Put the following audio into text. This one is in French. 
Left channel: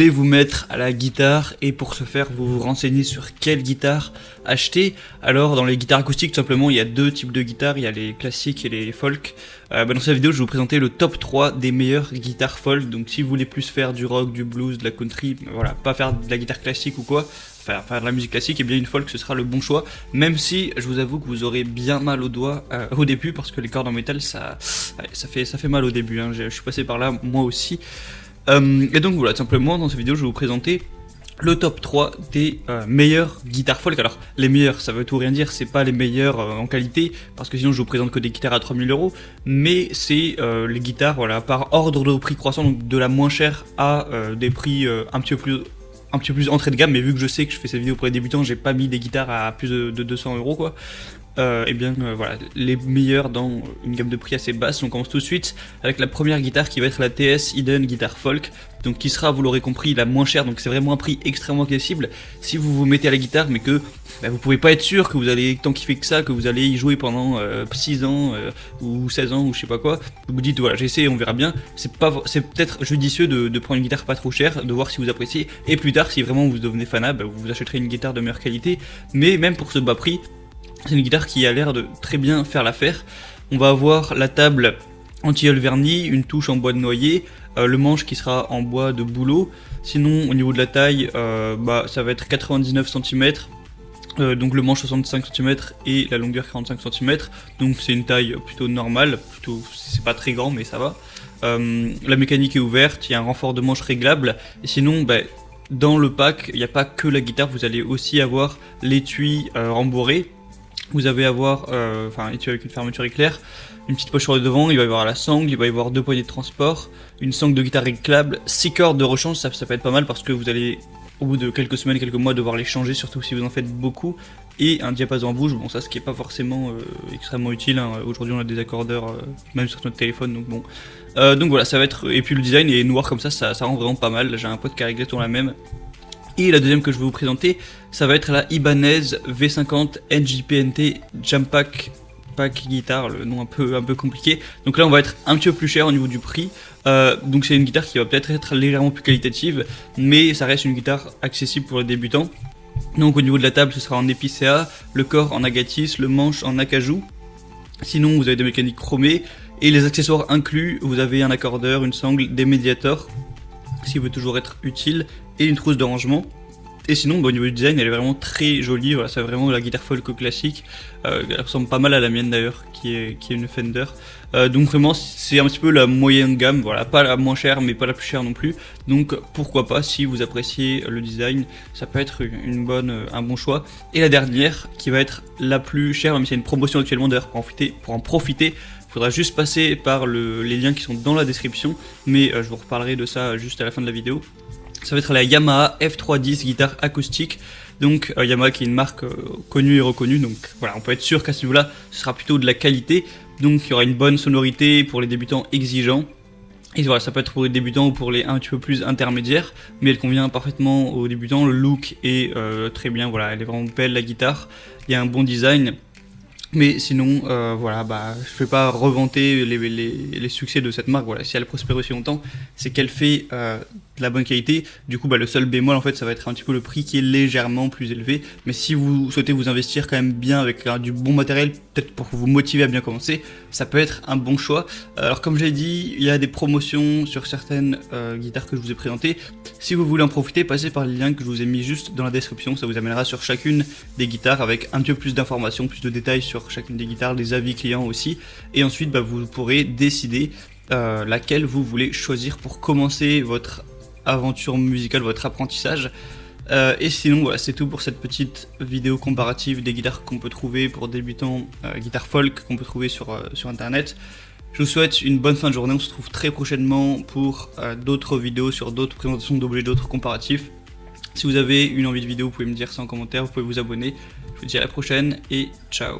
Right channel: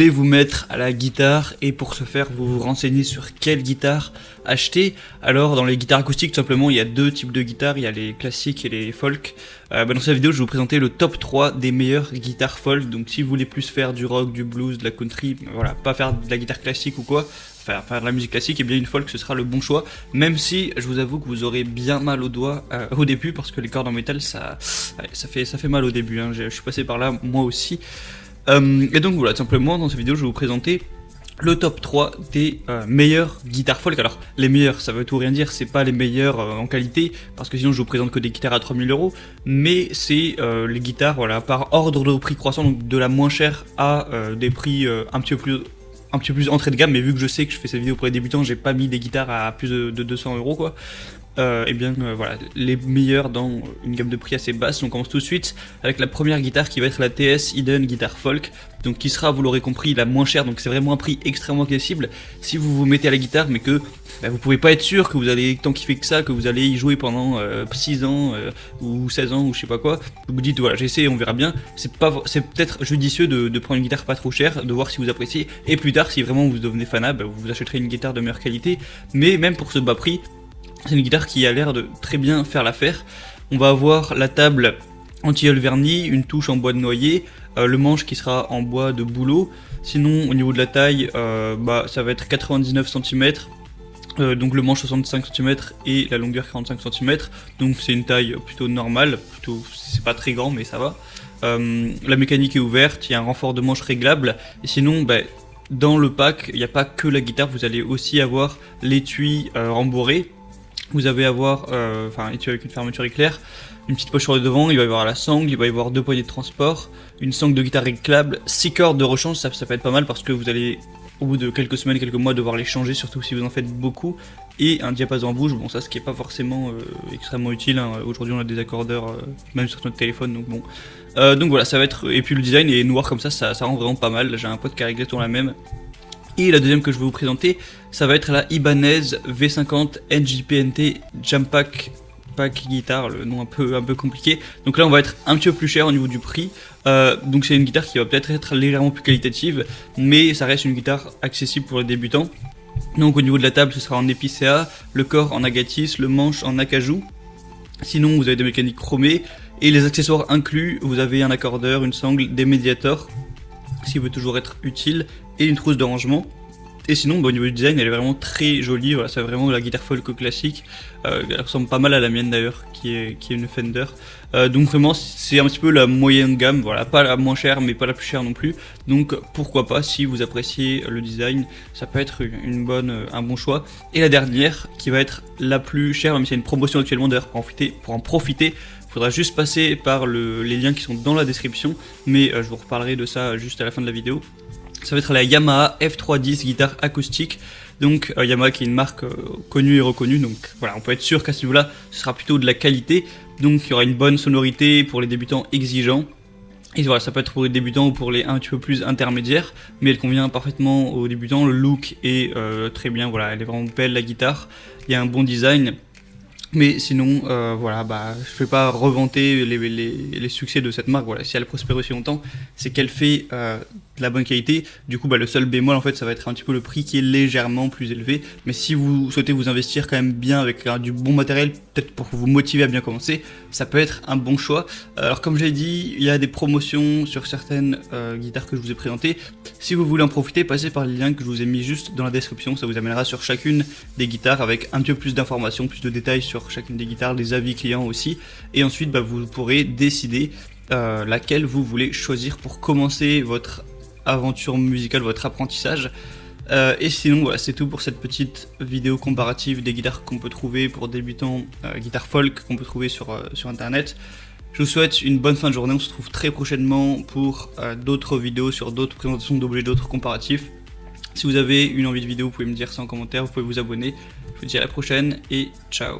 voulez vous mettre à la guitare et pour ce faire vous vous renseignez sur quelle guitare acheter. Alors dans les guitares acoustiques tout simplement il y a deux types de guitares, il y a les classiques et les folk. Alors dans cette vidéo je vais vous présenter le top 3 des meilleures guitares folk. Donc si vous voulez plus faire du rock, du blues, de la country, voilà, pas faire de la guitare classique ou quoi, faire de la musique classique, et bien une folk ce sera le bon choix. Même si je vous avoue que vous aurez bien mal aux doigts au début parce que les cordes en métal ça fait mal au début, hein. Je suis passé par là moi aussi. Et donc voilà, tout simplement dans cette vidéo je vais vous présenter le top 3 des meilleures guitares folk. Alors les meilleures ça veut tout rien dire, c'est pas les meilleures en qualité parce que sinon je vous présente que des guitares à 3000 €, mais c'est les guitares voilà, par ordre de prix croissant, donc de la moins chère à des prix un petit peu plus entrée de gamme. Mais vu que je sais que je fais cette vidéo pour les débutants, j'ai pas mis des guitares à plus de 200 € quoi. Et bien voilà, les meilleurs dans une gamme de prix assez basse. On commence tout de suite avec la première guitare qui va être la TS Eden Guitar Folk, donc qui sera, vous l'aurez compris, la moins chère. Donc c'est vraiment un prix extrêmement accessible si vous vous mettez à la guitare mais que vous pouvez pas être sûr que vous allez tant kiffer que ça, que vous allez y jouer pendant 6 ans ou 16 ans ou je sais pas quoi. Vous vous dites voilà, j'essaie, on verra bien. C'est peut-être judicieux de prendre une guitare pas trop chère, de voir si vous appréciez, et plus tard si vraiment vous devenez fanat, vous achèterez une guitare de meilleure qualité. Mais même pour ce bas prix, c'est une guitare qui a l'air de très bien faire l'affaire. On va avoir la table en tilleul verni, une touche en bois de noyer, le manche qui sera en bois de bouleau. Sinon au niveau de la taille, ça va être 99 cm, donc le manche 65 cm et la longueur 45 cm. Donc c'est une taille plutôt normale, c'est pas très grand mais ça va. La mécanique est ouverte, il y a un renfort de manche réglable. Et sinon dans le pack, il n'y a pas que la guitare, vous allez aussi avoir l'étui rembourré. Vous allez avoir l'étui avec une fermeture éclair, une petite poche sur le devant, il va y avoir la sangle, il va y avoir deux poignées de transport, une sangle de guitare réglable, 6 cordes de rechange, ça peut être pas mal parce que vous allez au bout de quelques semaines, quelques mois devoir les changer, surtout si vous en faites beaucoup, et un diapason en bouche, bon ça ce qui est pas forcément extrêmement utile, hein. Aujourd'hui on a des accordeurs même sur notre téléphone, donc bon. Donc voilà, ça va être, et puis le design est noir comme ça rend vraiment pas mal. J'ai un pote qui a réglé la même. Et la deuxième que je vais vous présenter, ça va être la Ibanez V50 Edge PNT Jam Pack guitare, le nom un peu compliqué. Donc là on va être un petit peu plus cher au niveau du prix. Donc c'est une guitare qui va peut-être être légèrement plus qualitative, mais ça reste une guitare accessible pour les débutants. Donc au niveau de la table ce sera en épicéa, le corps en agatis, le manche en acajou. Sinon vous avez des mécaniques chromées et les accessoires inclus, vous avez un accordeur, une sangle, des médiators, ce qui peut toujours être utile, et une trousse de rangement. Et sinon au niveau du design elle est vraiment très jolie, voilà, c'est vraiment la guitare folk classique, elle ressemble pas mal à la mienne d'ailleurs qui est une Fender. Donc vraiment c'est un petit peu la moyenne gamme, voilà, pas la moins chère mais pas la plus chère non plus. Donc pourquoi pas, si vous appréciez le design, ça peut être un bon choix. Et la dernière qui va être la plus chère, même si il y a une promotion actuellement d'ailleurs, pour en profiter. Il faudra juste passer par les liens qui sont dans la description, mais je vous reparlerai de ça juste à la fin de la vidéo. Ça va être la Yamaha F310 guitare acoustique. Donc Yamaha qui est une marque connue et reconnue, donc voilà, on peut être sûr qu'à ce niveau-là, ce sera plutôt de la qualité. Donc il y aura une bonne sonorité pour les débutants exigeants. Et voilà, ça peut être pour les débutants ou pour les un petit peu plus intermédiaires, mais elle convient parfaitement aux débutants. Le look est très bien, voilà, elle est vraiment belle la guitare. Il y a un bon design. Mais sinon, voilà, je vais pas revanter les succès de cette marque. Voilà, si elle prospère aussi longtemps, c'est qu'elle fait de la bonne qualité. Du coup, le seul bémol en fait, ça va être un petit peu le prix qui est légèrement plus élevé. Mais si vous souhaitez vous investir quand même bien avec du bon matériel, peut-être pour vous motiver à bien commencer, ça peut être un bon choix. Alors comme j'ai dit, il y a des promotions sur certaines guitares que je vous ai présentées. Si vous voulez en profiter, passez par les liens que je vous ai mis juste dans la description. Ça vous amènera sur chacune des guitares avec un petit peu plus d'informations, plus de détails sur chacune des guitares, des avis clients aussi. Et ensuite, vous pourrez décider laquelle vous voulez choisir pour commencer votre aventure musicale, votre apprentissage. Et sinon voilà, c'est tout pour cette petite vidéo comparative des guitares qu'on peut trouver pour débutants, guitares folk qu'on peut trouver sur internet. Je vous souhaite une bonne fin de journée, on se retrouve très prochainement pour d'autres vidéos sur d'autres présentations d'objets, d'autres comparatifs. Si vous avez une envie de vidéo, vous pouvez me dire ça en commentaire, vous pouvez vous abonner. Je vous dis à la prochaine et ciao.